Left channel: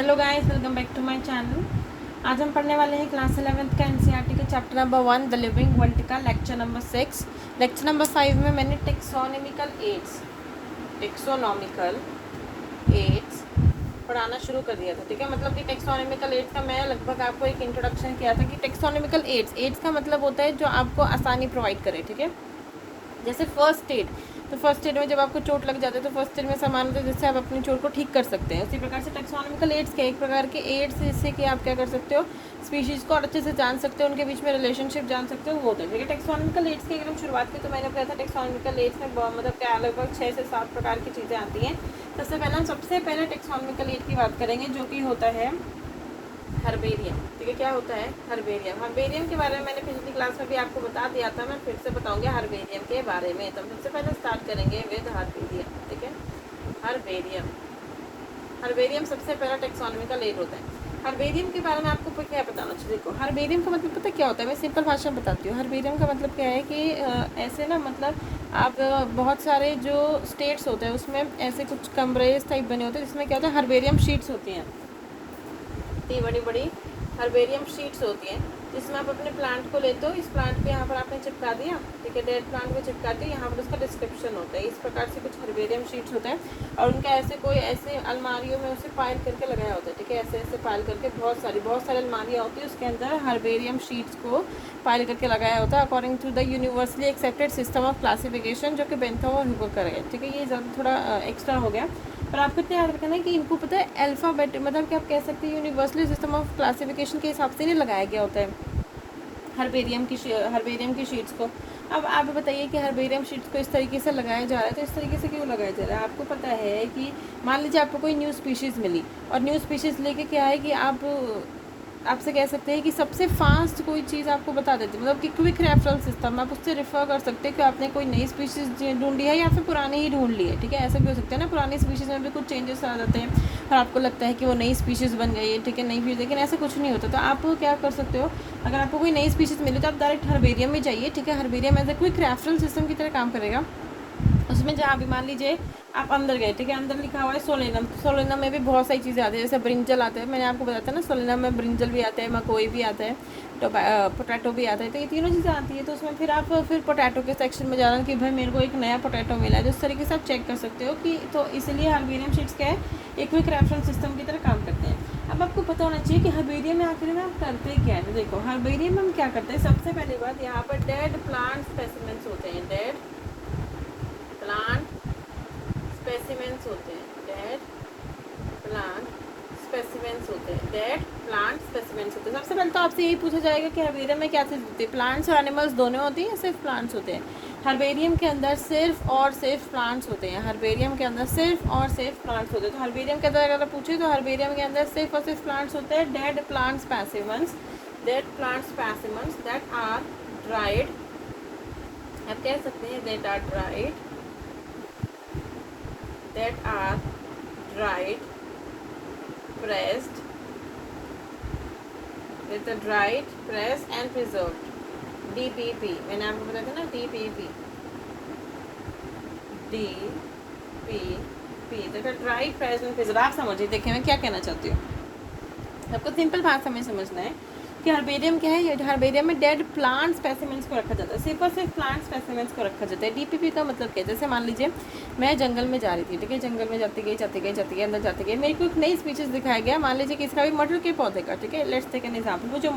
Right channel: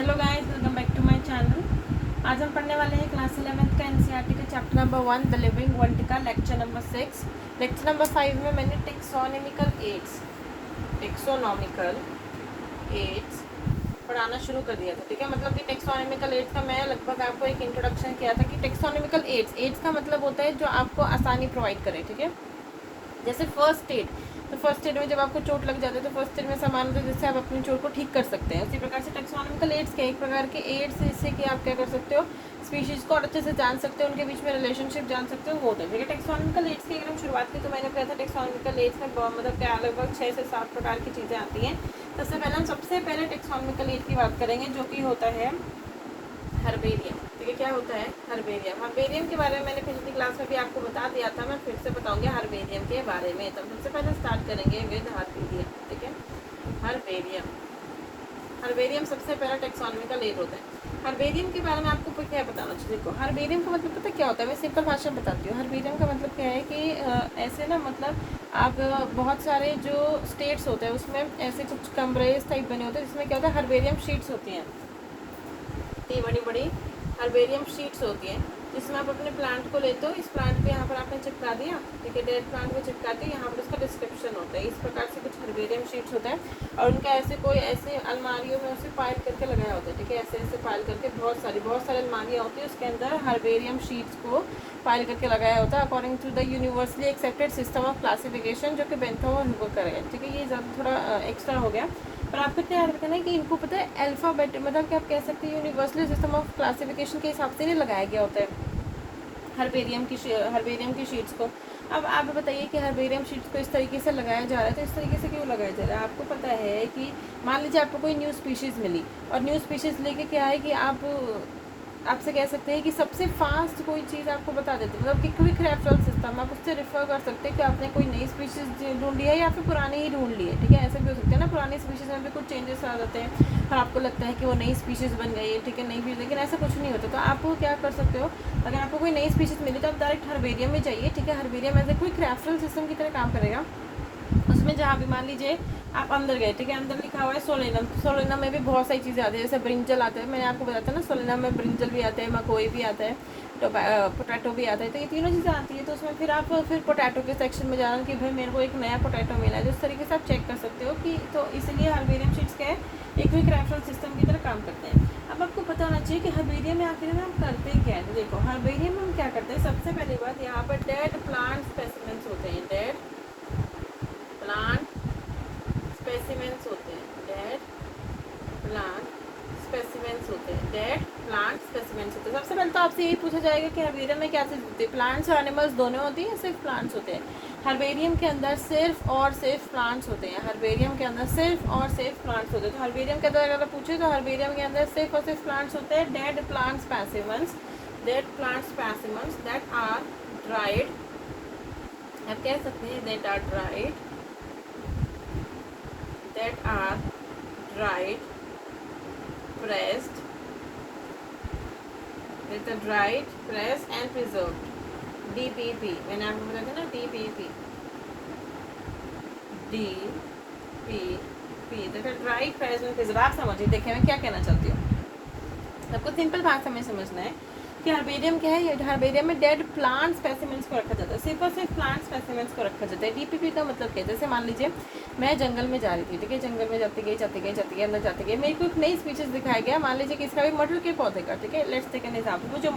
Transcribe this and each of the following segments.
Hello guys, welcome back to my channel. आज हम पढ़ने वाले हैं क्लास 11th का एनसीईआरटी के chapter number 1 the living world का लेक्चर नंबर 6। लेक्चर नंबर 5 में मैंने टेक्सोनॉमिकल एड्स पढ़ाना शुरू कर दिया था। ठीक है, मतलब कि टेक्सोनॉमिकल एड्स का मैं लगभग आपको एक इंट्रोडक्शन किया था कि टेक्सोनॉमिकल एड्स का मतलब होता है जो आपको आसानी प्रोवाइड करे। ठीक है, जैसे फर्स्ट एड, तो फर्स्ट एड में जब आपको चोट लग जाता है तो फर्स्ट एड में सामान्यतः जिससे आप अपनी चोट को ठीक कर सकते हैं, उसी प्रकार से टेक्सोनॉमिकल एड्स के एक प्रकार के एड्स जिससे कि आप क्या कर सकते हो, स्पीशीज़ को और अच्छे से जान सकते हो, उनके बीच में रिलेशनशिप जान सकते हो, वो होता है। टेक्सोनॉमिकल एड्स की अगर हम शुरुआत की तो मैंने कहा था टेक्सोनॉमिकल एड्स में मतलब क्या लगभग 6 से 7 प्रकार की चीज़ें आती हैं। सबसे पहले टेक्सोनॉमिकल एड की बात करेंगे जो कि होता है हर्बेरियम। ठीक है, क्या होता है हर्बेरियम के बारे में मैंने पिछली क्लास में भी आपको बता दिया था, मैं फिर से बताऊंगी हर्बेरियम के बारे में। तो सबसे पहले स्टार्ट करेंगे विद हर्बेरियम। ठीक है, हर्बेरियम सबसे पहला टेक्सोनॉमिकल एड होता है। हर्बेरियम के बारे में आपको क्या बताना चाहिए। देखो, हर्बेरियम का मतलब पता क्या होता है, मैं सिंपल भाषा में बताती हूँ। हर्बेरियम का मतलब क्या है कि ऐसे ना, मतलब आप बहुत सारे जो स्टेट्स होते हैं उसमें ऐसे कुछ कमरेज टाइप बने होते हैं जिसमें क्या होता है, हर्बेरियम शीट्स होती हैं। इतनी बड़ी बड़ी हर्बेरियम शीट्स होती हैं जिसमें आप अपने प्लांट को लेते हो। इस प्लांट को यहाँ पर आपने चिपका दिया, ठीक है, डेड प्लांट को चिपका दिया, यहाँ पर उसका डिस्क्रिप्शन होता है। इस प्रकार से कुछ हर्बेरियम शीट्स होते हैं और उनका ऐसे अलमारियों में उसे पाइल करके लगाया होता है। ठीक है, ऐसे पाइल करके बहुत सारी अलमारियाँ होती है, उसके अंदर हर्बेरियम शीट्स को पाइल करके लगाया होता है according to the universally accepted system of classification, जो कि बेंथम और हूवर करेगा। ठीक है, ये सब थोड़ा एक्स्ट्रा हो गया, पर आपको इतना याद रखना है कि इनको पता है अल्फ़ाबेट, मतलब कि आप कह सकते हैं यूनिवर्सली सिस्टम ऑफ क्लासिफिकेशन के हिसाब से नहीं लगाया गया होता है हर्बेरियम की शीट्स को। अब आप बताइए कि हर्बेरियम शीट्स को इस तरीके से लगाया जा रहा है, तो इस तरीके से क्यों लगाया जा रहा है। आपको पता है कि मान लीजिए आपको कोई न्यू स्पीशीज़ मिली और न्यू स्पीशीज़ लेके क्या है कि आपसे कह सकते हैं कि सबसे फास्ट कोई चीज़ आपको बता देती है, मतलब कि क्विक रेफरल सिस्टम, आप उससे रेफर कर सकते हैं कि आपने कोई नई स्पीशीज़ ढूंढी है या फिर पुरानी ही ढूंढ ली है। ठीक है, ऐसे भी हो सकते हैं ना, पुरानी स्पीशीज़ में भी कुछ चेंजेस आ जाते हैं और आपको लगता है कि वो नई स्पीशीज़ बन गई है। ठीक है, नई लेकिन ऐसा कुछ नहीं होता। तो आप क्या कर सकते हो, अगर आपको कोई नई स्पीशीज़ मिली तो आप डायरेक्ट हर्बेरियम में जाइए। ठीक है, herbarium as a quick referral system की तरह काम करेगा। उसमें जहाँ भी मान लीजिए आप अंदर गए, ठीक है, अंदर लिखा हुआ है सोलेनम में भी बहुत सारी चीज़ें आती है, जैसे ब्रिंजल आता है, मैंने आपको बताया था ना, सोलेनम में ब्रिंजल भी आता है, मकोई भी आता है, पोटैटो भी आता है। तो ये तीनों चीज़ें आती है। तो उसमें फिर पोटैटो के सेक्शन में जाना कि भाई मेरे को एक नया पोटैटो मिला है, तो इस तरीके से आप चेक कर सकते हो कि, तो इसलिए हर्बेरियम शीट्स क्या है, एक क्विक रेफरेंस सिस्टम की तरह काम करते हैं। अब आपको पता होना चाहिए कि हर्बेरियम में आखिर में हम करते क्या है। तो देखो, हर्बेरियम में हम क्या करते हैं, सबसे पहली बात यहाँ पर डेड प्लांट स्पेसिमेंट्स होते हैं, डेड प्लांट स्पेसिमेंट्स होते हैं, डेड प्लांट स्पेसिमेंट्स होते हैं, डेड प्लांट स्पेसिमेंट्स होते हैं। सबसे पहले तो आपसे यही पूछा जाएगा कि हर्बेरियम में क्या चीज़ होती है, प्लांट्स और एनिमल्स दोनों होती हैं या सिर्फ प्लांट्स होते हैं। हर्बेरियम के अंदर सिर्फ और सिर्फ प्लांट्स होते हैं, हर्बेरियम के अंदर सिर्फ और सिर्फ प्लांट्स होते हैं। तो हर्बेरियम के अंदर अगर पूछे तो हर्बेरियम के अंदर सिर्फ और सिर्फ प्लांट्स होते हैं, dead plant specimens that are dried, आप कह सकते हैं that are dried, pressed, with a dried, pressed and preserved, DPP। मैंने आपको बताया था ना, DPP देखो, ड्राइड, प्रेस्ड एंड प्रिजर्व। आप समझिए, देखिए मैं क्या कहना चाहती हूँ, आपको सिंपल भाषा में समझना है कि हर्बेरियम क्या है। हर्बेरियम में डेड प्लांट स्पेसिमेंट्स को रखा जाता है, सिर्फ और सिर्फ प्लांट स्पेसिमेंट्स को रखा जाता है। डीपीपी का मतलब क्या है, जैसे मान लीजिए मैं जंगल में जा रही थी, ठीक है, जंगल में जाती गई अंदर जाती गई, मेरे को एक नई स्पीशीज दिखाया गया, मान लीजिए किसका भी मटर के पौधे का। ठीक है, लेट्स टेक एन एग्जांपल, वो जो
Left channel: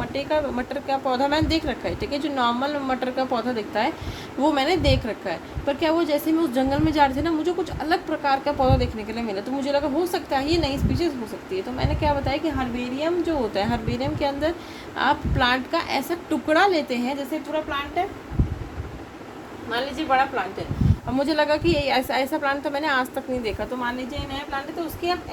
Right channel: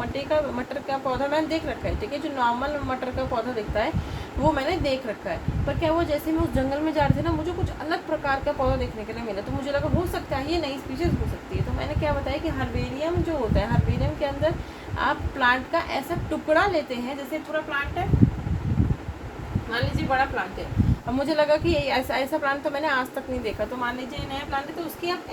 मटर का पौधा मैंने देख रखा है। ठीक है, जो नॉर्मल मटर का पौधा दिखता है वो मैंने देख रखा है, पर क्या वो जैसे मैं उस जंगल में जा रही थी ना, मुझे कुछ अलग प्रकार का पौधा देखने के लिए मिला, तो मुझे लगा हो सकता है ये नई स्पीशीज हो सकती है। तो मैंने क्या बताया कि हर्बेरियम जो होता है, हर्बेरियम के अंदर आप प्लांट का ऐसा टुकड़ा लेते हैं, जैसे थोड़ा प्लांट है, मान लीजिए बड़ा प्लांट है, अब मुझे लगा कि ऐसा प्लांट तो मैंने आज तक नहीं देखा, तो मान लीजिए नया प्लांट है, तो उसकी आप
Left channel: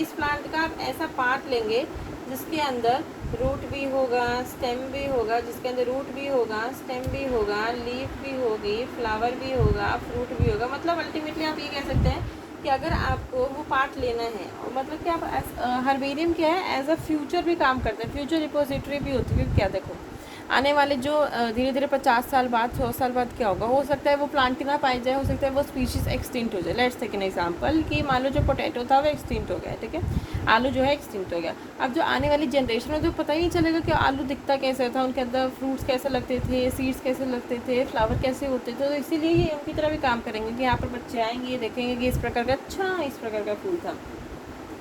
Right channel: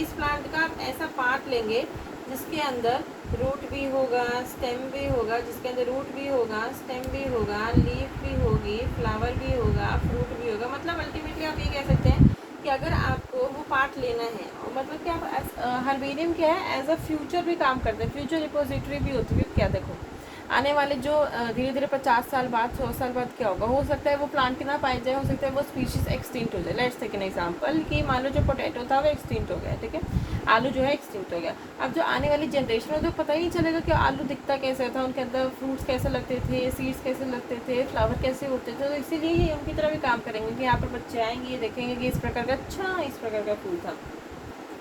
इस प्लांट का आप ऐसा पार्ट लेंगे जिसके अंदर रूट भी होगा, स्टेम भी होगा, जिसके अंदर रूट भी होगा, स्टेम भी होगा, लीफ भी होगी, फ्लावर भी होगा, फ्रूट भी होगा। मतलब अल्टीमेटली आप ये कह सकते हैं कि अगर आपको वो पार्ट लेना है, और मतलब कि आप हर्बेरियम क्या है, एज अ फ्यूचर भी काम करते हैं, फ्यूचर रिपोजिटरी भी होती है। क्या देखो, आने वाले जो धीरे धीरे 50 साल बाद 100 साल बाद क्या होगा, हो सकता है वो प्लांट ना पाए जाए, हो सकता है वो स्पीशीज एक्सटिंक्ट हो जाए। लेट्स टेक एन एग्जांपल कि मान लो जो पोटैटो था वो एक्सटिंक्ट हो गया, ठीक है, आलू जो है एक्सटिंक्ट हो गया। अब जो आने वाली जनरेशन है जो पता ही नहीं चलेगा कि आलू दिखता कैसे था, उनके अंदर फ्रूट्स कैसे लगते थे, सीड्स कैसे लगते थे, फ्लावर कैसे होते थे। तो इसीलिए ये उनकी तरह भी काम करेंगे कि यहाँ पर बच्चे आएंगे, देखेंगे कि इस प्रकार का, अच्छा इस प्रकार का फूल था।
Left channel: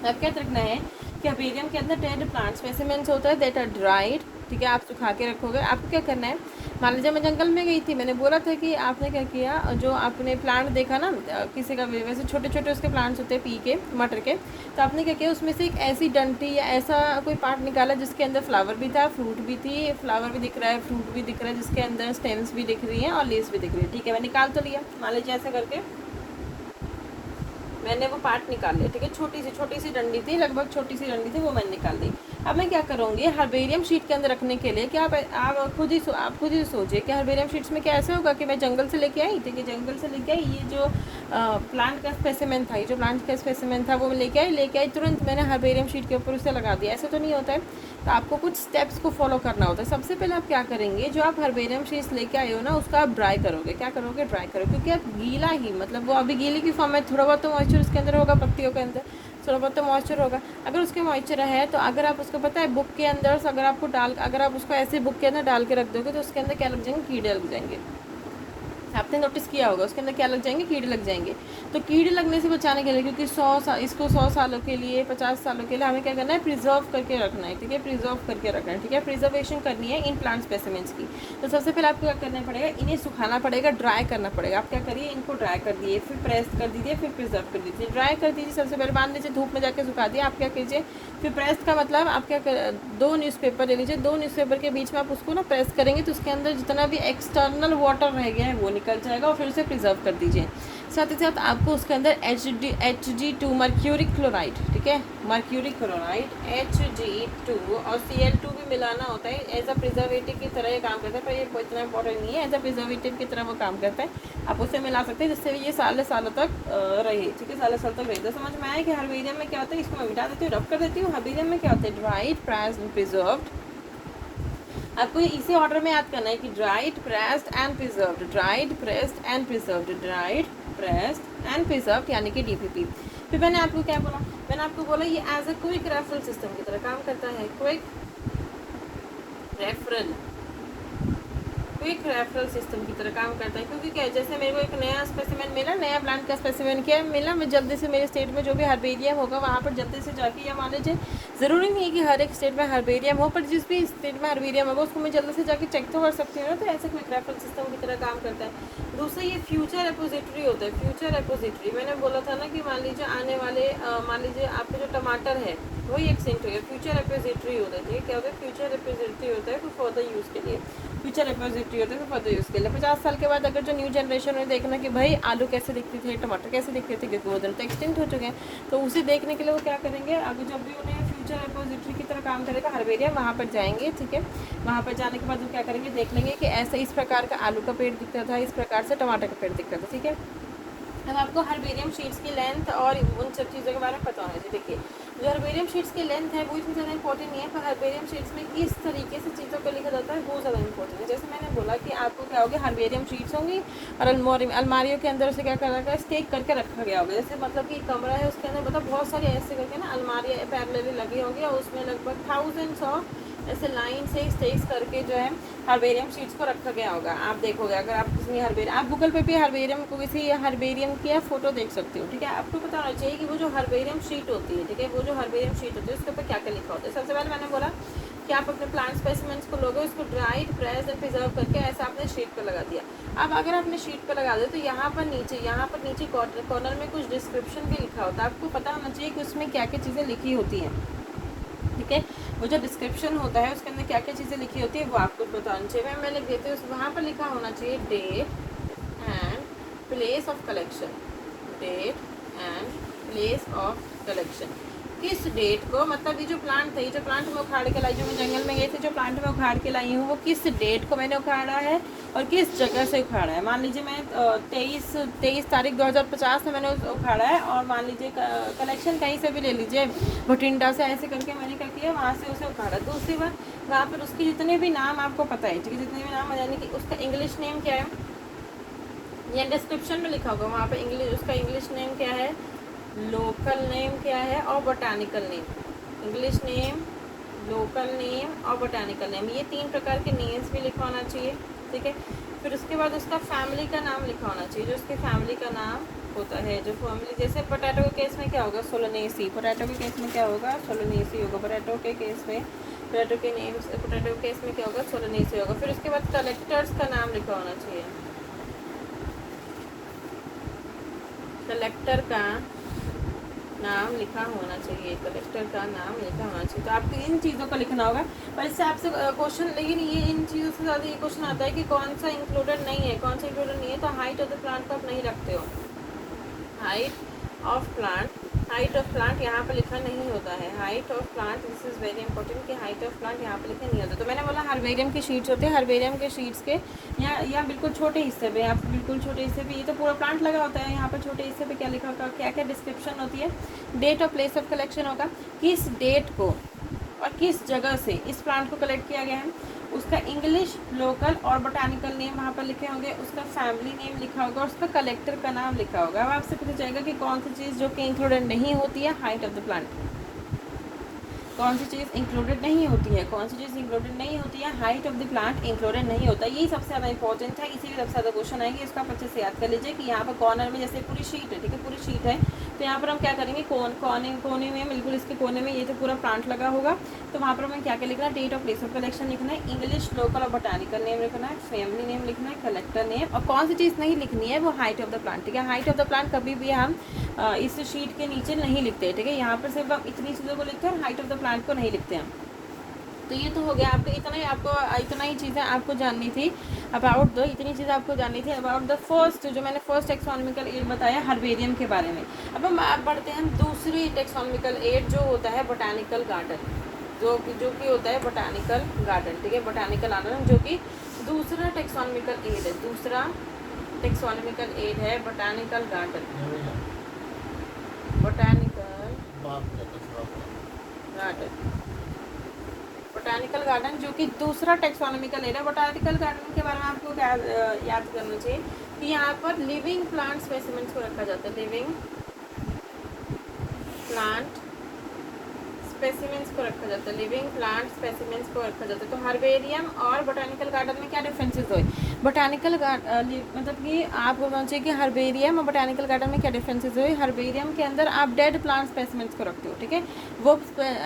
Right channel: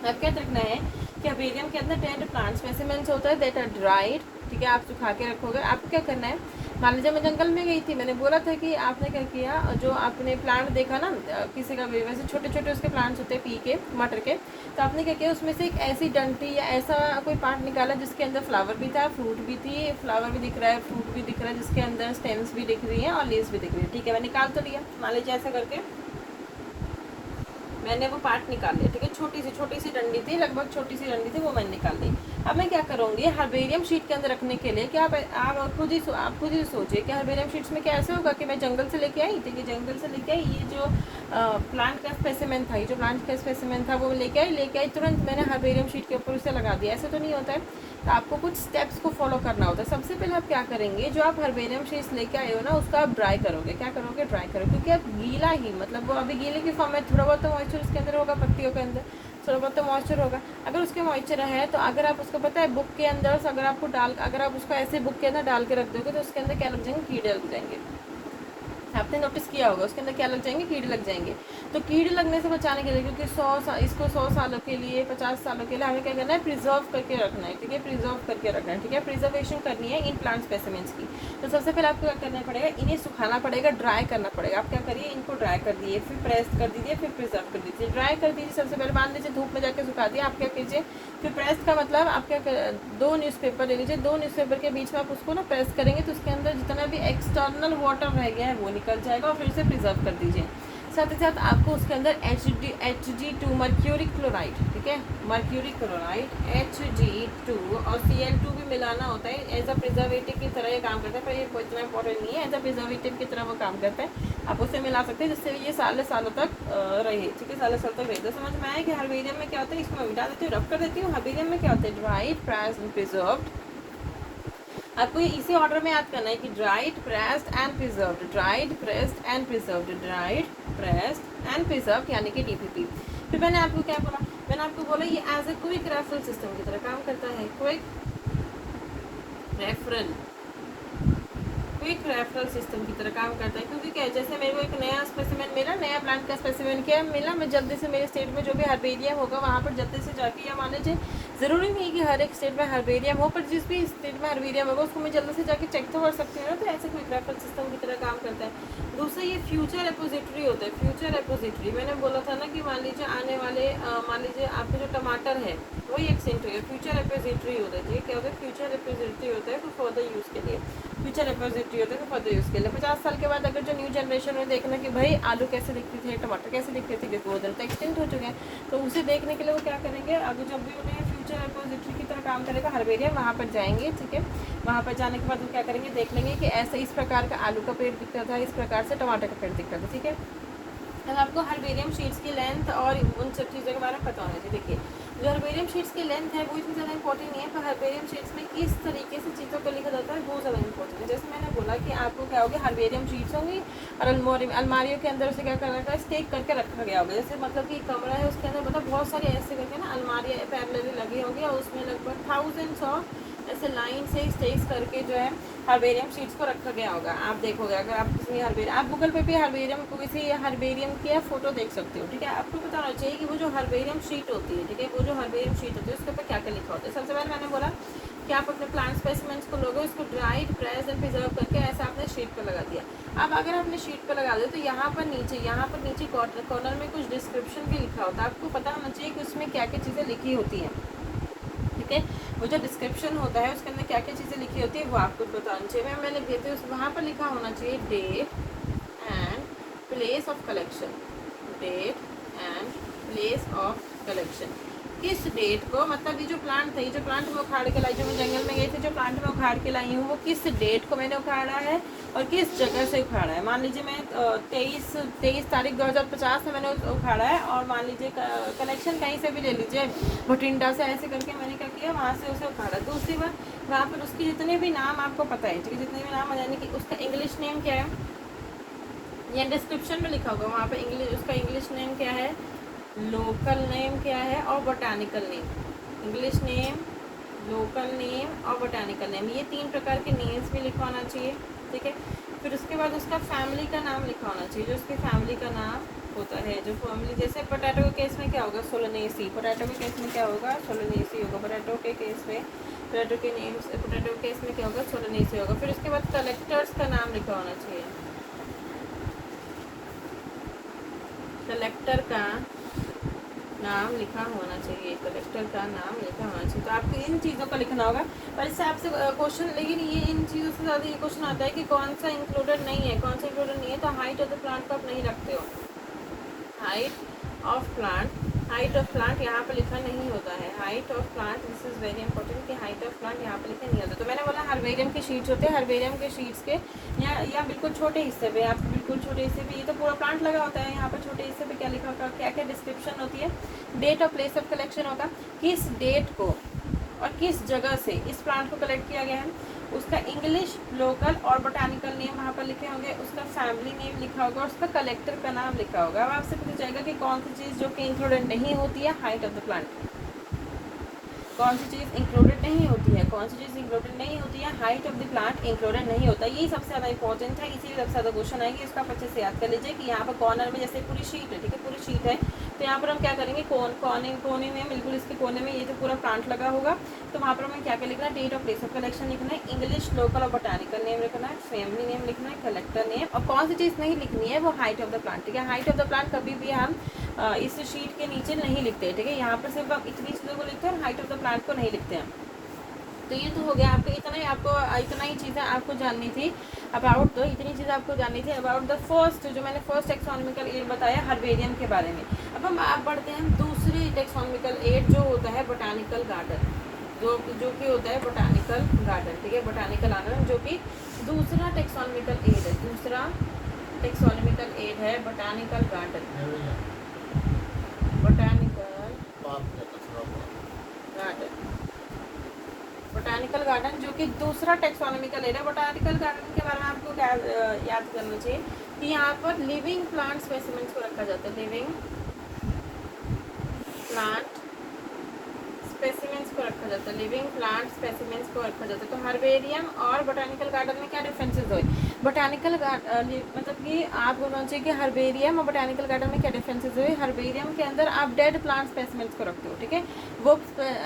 अब क्या रखना है कि हर्बेरियम के अंदर डेड प्लांट स्पेसिमेंट्स होता है दैट आर ड्राइड, ठीक है, आप सुखा के रखोगे। आपको क्या करना है, मान लीजिए मैं जंगल में गई थी, मैंने बोला था कि आपने क्या किया, जो आपने प्लांट देखा ना किसी का भी, वैसे छोटे छोटे उसके प्लांट्स होते हैं पी के मटर के, तो आपने क्या किया, उसमें से एक ऐसी डंटी या ऐसा कोई पार्ट निकाला जिसके अंदर फ्लावर भी था, फ्रूट भी थी, फ्लावर भी दिख रहा है, फ्रूट भी दिख रहा है, जिसके अंदर स्टेम्स भी दिख रही है और लीव्स भी दिख रही है, ठीक है, मैं निकाल तो लिया, मान लीजिए ऐसे करके मैंने वो पार्ट निकाल लिया, ठीक है, छोटी सी डंडी थी, लगभग छोटी सी डंडी थी, वो मैंने निकाल दी। अब मैं क्या करूँगी, हर्बेरियम शीट के अंदर रखने के लिए कि आप खुद ही सोचिए कि हर्बेरियम शीट्स में क्या ऐसे होगा कि मैं जंगल से लेके आई, ठीक है, जंगल से लेके आई, ये जो प्लांट का स्पेसिमेन था, जो प्लांट का स्पेसिमेन था वो मैं लेके आई, तुरंत मैंने हर्बेरियम शीट के ऊपर उसे लगा दिया, ऐसा तो नहीं होता है। तो आपको कुछ स्टेप्स को फॉलो करना होता है। सबसे पहले आप क्या करेंगे, जो आप हर्बेरियम शीट्स लेके आए हो ना, उसका आप ड्राई करोगे। क्या करोगे, ड्राई करोगे, क्योंकि आप गीला ही, मतलब वो अभी गीले की फॉर्म में, थोड़ा बहुत तो मॉइस्चर उसके अंदर होगा, पत्तियों के अंदर थोड़ा बहुत तो मॉइस्चर होगा। अगर उसके मॉइस्चर है तो अगर आप उसको पता है बुक के अंदर, अगर आप उसको ऐसे बुक के अंदर डाल के रख दोगे तो उसके अंदर क्या लग जाएंगे, कीड़े लग जाएंगे। आपने नोटिस किया होगा उसके अंदर क्या लग जाएंगे, कीड़े लग जाएंगे। तो कीड़े लगने से बचाने के लिए, क्योंकि इसको 100 सालों के लिए, 50 सालों के लिए हमें क्या करना है, प्रिजर्व करके रखना है, ठीक है, प्रिजर्व करके रखना है, ठीक है, प्रिजर्वेशन करनी है इन प्लांट स्पेसिमेंट्स की। तो सबसे पहले आपको क्या करना पड़ेगा, इन्हें सुखाना पड़ेगा, ड्राई करना पड़ेगा। आप क्या करिए, इनको ड्राई कर दिए, फिर प्रेस कर दीजिए, फिर प्रिजर्व कर दीजिए। ड्राई कर दीजिए सबसे पहले, मान लीजिए धूप में जाकर सुखा दिया। आप क्या कीजिए, फिर प्रेस का मतलब आप क्या 2 न्यूज़पेपर ले लीजिए, 2 न्यूज़पेपर के बीच में आप उसको ना प्रेस करेंगे तो उसके अंदर जितना भी एक्सटर्नल वाटर रह गया है वो निकल जाएगा, और फिर प्रिजर्व कर दीजिए। साथ ही साथ आपको उसके अंदर Hg2 मर्क्यूरिक क्लोराइड, ठीक है, मर्क्यूरिक क्लोराइड Hg2 और Cl2 भी मिलाना होता है। एज अ प्रिजर्वेटिव की तरह ये काम करता है, पर ये कोई इतना इंपॉर्टेंट नहीं है, एज अ प्रिजर्वेटिव की तरह वो काम करता है। आप उसे मिला सकते हैं जिससे ये सालों तक रहे, ठीक है, सालों तक रहे। तो समझ में आया कि हर्बेरियम में क्या होता है, इसको मैं मिटा देती हूँ, रब कर देती हूँ। हर्बेरियम में क्या होता है, ड्राइड, प्रेस्ड, प्रिजर्व्ड। आपको इसी ऑर्डर में याद करना है कि dried, pressed and preserved, dried, pressed and preserved, dried, pressed and preserved, यानी कि DPP। फिर मैंने आपको क्या बोला, मैंने आपको बोला ये as a quick referral system की तरह काम करता है। क्विक रेफरल सिस्टम की तरह काम करता है, क्योंकि क्या, जैसे मेरे को एक नया स्पेसिमेन मिला, नया प्लांट का स्पेसिमेन क्या मिला, मैं जल्दी से मेरे स्टेट में जो भी हर्बेरियम होगा वहाँ पर जल्दी से जाके, या मान लीजिए ज़रूरी नहीं है कि हर एक स्टेट में हर्बेरियम हो, पर जिस भी स्टेट में हर्बेरियम होगा उसको मैं जल्दी से जाके चेक तो कर सकती हूँ ना। तो ऐसे क्विक रेफरल सिस्टम की तरह काम करता है। दूसरा ये फ्यूचर रिपोजिटरी होता है। फ्यूचर रिपोजिटरी मैंने बोला था ना कि मान लीजिए आने वाले, मान लीजिए आपके जो टमाटर है वही एक्सटेंट हो गया, फ्यूचर रिपोजिटरी होता है। क्या होता है, फ्यूचर रिपोजिटरी होता है फॉर फर्दर यूज़ के लिए, फ्यूचर रिपोजिटरी होता है फर्दर यूज़ के लिए। 50 साल के बाद अगर जो न्यू जनरेशन में देखना कि भाई आलू कैसे दिखती थी, टमाटर कैसे दिखते थे, क्योंकि वो दिन तो एक्सटेंट हो चुके हैं, तो उसे देखने के लिए वो क्या करेंगे, आगे जब भी उन्हें फ्यूचर रिपोजिटरी की तरह काम करेगा हर्बेरियम, वहाँ पर जाएंगे, ठीक है, वहाँ पर जाने के बाद हम क्या करेंगे, देख लेंगे कि ऐसे इस प्रकार का आलू का पेड़ दिखता था, इस प्रकार से टमाटर का पेड़ दिखता था, ठीक है। अब आपको हर्बेरियम शीट्स की लेंथ और उन सब चीज़ों के बारे में पता होना चाहिए। देखिए जो हर्बेरियम शीट्स की लेंथ है वो इतनी ज़्यादा इंपॉर्टेंट नहीं है, पर हर्बेरियम शीट्स में किस तरीके से चीज़ों को लिखा जाता है वो ज़्यादा इंपॉर्टेंट है। जैसे मैंने बोला कि आपको क्या होगी, हर्बेरियम शीट्स होंगी और अलमारियों के अंदर उसे क्या करा गया, स्टेक करके रखा गया होगा। जैसे मतलब कि कमरा है उसके अंदर मतलब बहुत सारे ऐसे करके ना अलमारियाँ पैरेलली लगी होंगी और उसमें लगभग थाउजेंड्स ऑफ ऐसे लाइन से स्टेज करके जो है हर्बेरियम शीट्स को रखा गया होगा। आप देखोगे अगर आप किसी हर्बेरियम, आप गूगल पे भी हर्बेरियम को किसी हर्बेरियम की आप फोटो देख सकते हो, ठीक है। आपको पता होना चाहिए कि वो जो हर्बेरियम शीट होती है, ठीक है, वो जो हर्बेरियम शीट होती है उसके ऊपर क्या क्या लिखा होता है। सबसे पहले मैंने बोला कि आप अपने प्लांट स्पेसिमेंट्स को लोगे, उसको ड्राइड, प्रेस एंड प्रिजर्व करके ऐसा आपने शीट पर लगा दिया। अब अगर आपने शीट पर लगा दिया तो यहाँ पर नीचे कॉर्नर में कुछ डिस्क्रिप्शन भी लिखा होता है। आपको पता होना चाहिए कि उसमें क्या क्या चीज़ें लिखी होती हैं, ठीक है। वो जो डिस्क्रिप्शन होता है उसके अंदर क्या क्या चीज़ें लिखी होती है वो आपको बताना चाहिए। मैंने देते वहाँ पर लिखा होना चाहिए date and place of collection, date and place of collection. किस डेट को, मतलब ये जो प्लांट था, ये जो प्लांट मैं उखाड़ के लाई, जो मैं जंगल में गई थी, जो प्लांट मैं उखाड़ के लाई हूँ, वो किस डेट को मैंने उखाड़ा है और किस जगह से उखाड़ा है। मान लीजिए मैं 23 तारीख 2050 में मैंने उखाड़ा है, और मान लीजिए कलेक्शन कहीं से भी ले लीजिए, भटिंडा से, ऐसे करके मैंने क्या किया, वहाँ से उसे उखाड़ा। दूसरी बात, वहाँ पर उसके जितने भी नाम आपको पता है, ठीक है, जितने भी नाम, यानी कि उसका इंग्लिश नेम क्या है, ये डिस्क्रिप्शन में लिखा होगा वहाँ पे, उसका इंग्लिश नेम क्या है, लोकल नेम क्या है, और botanical name. English name, local name और बोटानिकल नेम, ये 3 प्रकार के नेम्स भी लिखा होना चाहिए, ठीक है। फिर उसके बाद उसका फैमिली का नाम लिखा होना चाहिए, जो उसकी फैमिली का नाम होता है, जो फैमिली, जैसे पोटैटो के केस में क्या होगा, सोलोनेसी। पोटैटो के केस में क्या होगा, सोलोनेसी होगा। पोटैटो के केस में, पोटैटो के नेम्स, पोटैटो के केस में क्या होगा, सोलोनेसी होगा। फिर उसके बाद कलेक्टर्स का नाम लिखा होना चाहिए, कलेक्टर का नाम लिखा होना चाहिए, कलेक्टर का नाम लिखा होना चाहिए। तो आपको इन चीज़ों का लिखना होगा। और इससे आपसे क्वेश्चन, लेकिन ये इन चीज़ों से ज़्यादा ये क्वेश्चन आता है कि कौन सा इंक्लूडेड नहीं है, कौन सा इंक्लूडेड नहीं है। तो हाइट ऑफ द प्लांट को आप नहीं रखते हो, हाइट ऑफ प्लांट यहाँ पर लिखा नहीं होता है। Height of plant, this is very important कि हाइट ऑफ प्लांट यहाँ पर लिखा नहीं होता। तो मैंने बोला हर्बेरियम के शीट्स होते हैं, हर्बेरियम के शीट्स के या बिल्कुल छोटे हिस्से पे, आप बिल्कुल छोटे हिस्से पे, ये तो पूरा प्लांट लगा होता है, यहाँ पर छोटे हिस्से पे क्या लिखा होगा, क्या क्या डिस्क्रिप्शन होती है, डेट और प्लेस ऑफ कलेक्शन होगा, किस डेट को और किस जगह से इस प्लांट को कलेक्ट किया गया है, उसका इंग्लिश, लोकल और बोटानिकल नेम वहाँ पर लिखे होंगे, उसका फैमिली नेम लिखा होगा, उसका कलेक्टर का नाम लिखा होगा। अब आपसे पूछा जाएगा कि कौन सी चीज़ जो कि इंक्लूडेड नहीं होती है हाइट ऑफ द प्लांट, कौन सी चीज़ इंक्लूडेड नहीं होती है, कौन सी चीज़ इंक्लूडेड नहीं होती है, height of the plant included नहीं होता। ये सबसे ज़्यादा इंपॉर्टेंट है, इसीलिए सबसे ज़्यादा क्वेश्चन आएंगे। इसको आप अच्छे से याद कर लीजिए कि यहाँ पर कॉर्नर में, जैसे पूरी शीट है, ठीक है, पूरी शीट है, तो यहाँ पर हम क्या करेंगे, कोने में, बिल्कुल इसके कोने में ये जो पूरा प्लांट लगा होगा, तो वहाँ पर हमें क्या क्या लिखना है, date of place of collection लिखना है, इंग्लिश, लोकल और बोटानिकल नेम लिखना है, फैमिली नेम लिखना है, कलेक्टर नेम, और कौन सी चीज़ नहीं लिखनी है, वो हाइट ऑफ द प्लांट, ठीक है। हाइट ऑफ द प्लांट कभी भी हम इस शीट के नीचे नहीं लिखते, ठीक है। यहाँ पर सिर्फ हम इतनी चीज़ों को लिखते हैं और हाइट ऑफ द प्लांट को नहीं लिखते हैं। तो ये तो हो गया आपको, इतना ही चीज़ें आपको जाननी थी अबाउट द, इतनी चीज़ें आपको जाननी थी अबाउट द फर्स्ट, जो मैंने फर्स्ट टेक्सोनॉमिकल एड बताया हर्बेरियम के बारे में। अब हम आप बढ़ते हैं दूसरी टेक्सोनॉमिकल एड, जो होता है बोटानिकल गार्डन, जो कि होता है बोटानिकल गार्डन, ठीक है, बोटानिकल गार्डन, जो कि दूसरा टेक्सोनॉमिकल एड है, दूसरा टेक्सोनॉमिकल एड है botanical garden, botanical garden, botanical garden, जो कि दूसरा टेक्सोनॉमिकल एरिया। बोटानिकल गार्डन के बारे में आपको क्या याद करना चाहिए कि यहाँ पर लिविंग प्लांट स्पेसिमेंट्स को रखा जाता है, लिविंग प्लांट स्पेसिमेंट्स को रखा जाता है, लिविंग प्लांट स्पेसिमेंट्स को रखा जाता है। तो हर्बेरियम और बोटानिकल गार्डन में क्या डिफरेंसेस हुए, बोटानिकल मतलब कि आप बोलना चाहिए कि हर्बेरियम और बोटानिकल गार्डन में क्या डिफरेंसेस हुए। हर्बेरियम के अंदर आप डेड प्लांट स्पेसिमेंट्स को रखते हो, ठीक है, वो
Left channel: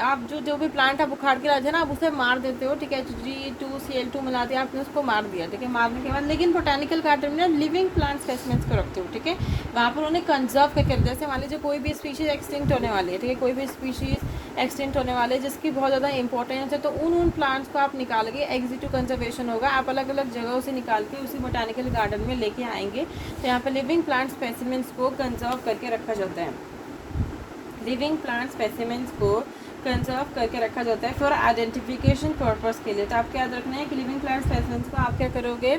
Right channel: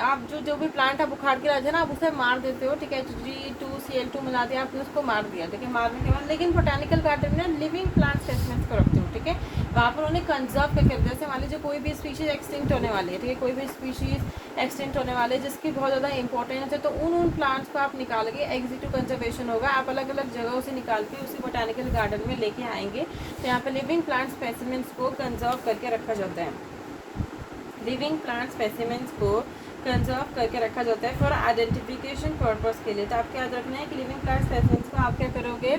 आप जो भी प्लांट आप उखाड़ के लाते हैं ना, आप उसे मार देते हो, ठीक है, G2Cl2 मिला दिया आपने, उसको मार दिया, ठीक है, मारने के बाद। लेकिन बोटानिकल गार्डन में लिविंग प्लांट स्पेसिमेंट्स को रखते हो, ठीक है, वहाँ पर उन्हें कंजर्व करके, जैसे मान लीजिए कोई भी स्पीशीज एक्सटिंक्ट होने वाली है, ठीक है, कोई भी स्पीशीज एक्सटिंक्ट होने वाले जिसकी बहुत ज़्यादा इंपॉर्टेंस है, तो उन प्लांट्स को आप निकाल के एग्जिट कंजर्वेशन होगा, आप अलग अलग जगहों से निकाल के उसी बोटानिकल गार्डन में लेके आएंगे। तो यहाँ पे लिविंग प्लांट स्पेसिमेंट्स को कंजर्व करके रखा जाता है, लिविंग प्लांट स्पेसिमेंट्स को कंजर्व करके रखा जाता है फॉर आइडेंटिफिकेशन पर्पस के लिए। तो आपको याद रखना है कि लिविंग प्लांट स्पेसिमेंट्स को आप क्या करोगे,